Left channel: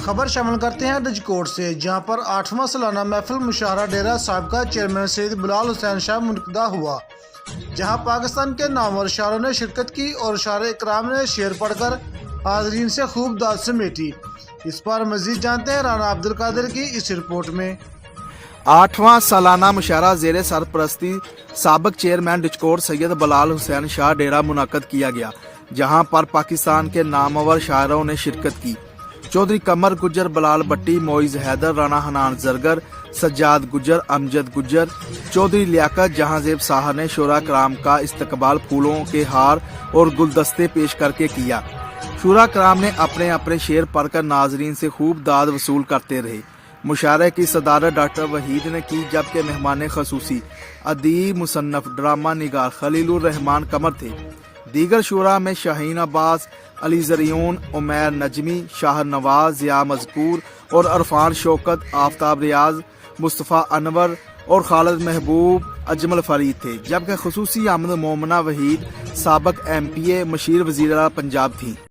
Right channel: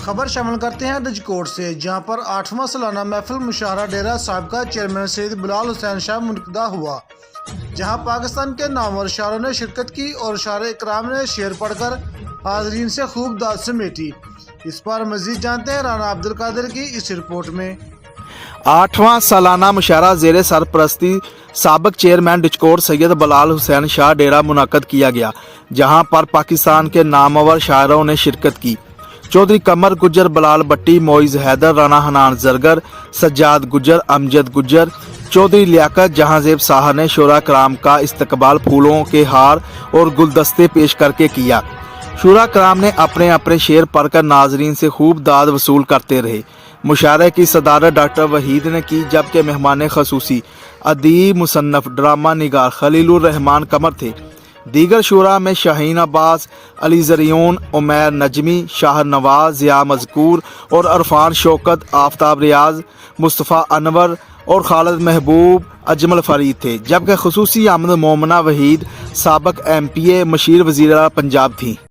خبر شامل کرتے ہیں رجکوٹ سے، جہاں پر 8واں سالانہ محفل مشاعرہ ڈیرہ صاحب کا چیئرمین سید بلال حسین شاہ منعقدہ ہوا، جہاں پاکستان کے نامور شاعروں نے شرکت کی اور شاعر اکرام نے شعر پڑھ کر حاضرین سے خوب داد سمیٹی۔ اس پر مزید جانتے ہیں رانا عبدالقادر کی اس رپورٹ میں۔ 8واں سالانہ مشاعرہ زیر سرپرستی سابق چیئرمین رجکوٹ سید بلال حسین شاہ ڈیرہ منعقد کیا گیا، جہاں پر پاکستان کے نامور شاعروں نے شرکت کی۔ چودھری قمر گجر، بلال بٹی، معیز حیدر، رانا حنان زرگر، سجاد گجر، امجد گجر، چودھری لیاقت جہاں زیب صاحب نے شعراء کرام کا استقبال پھولوں کے ہار اور گلدستے پیش کر کے کیا۔ شعراء کرام نے اپنے اپنے شعر پڑھ کر ناظرین سے خوب داد وصول کرتے رہے۔ مشاعرے کی صدارت ڈاکٹر وحید نے کی، جبکہ مہمان خصوصی ادیب، مصنف، ڈرامہ نگار خلیل الرحمان قمر تھے۔ دیگر شعراء میں شاہین عباس، علی زریون، عمیر نجمی، شاہر نواز، ضیاء مذکور اور عرفان شوکت، آفتاب ریاض، مصطفیٰ انور اور خالد محبوب اجمل فرید تھے، جبکہ خصوصی آمد مومنہ وحید، سابق MP، مشیر وزیر پنجاب تھیں۔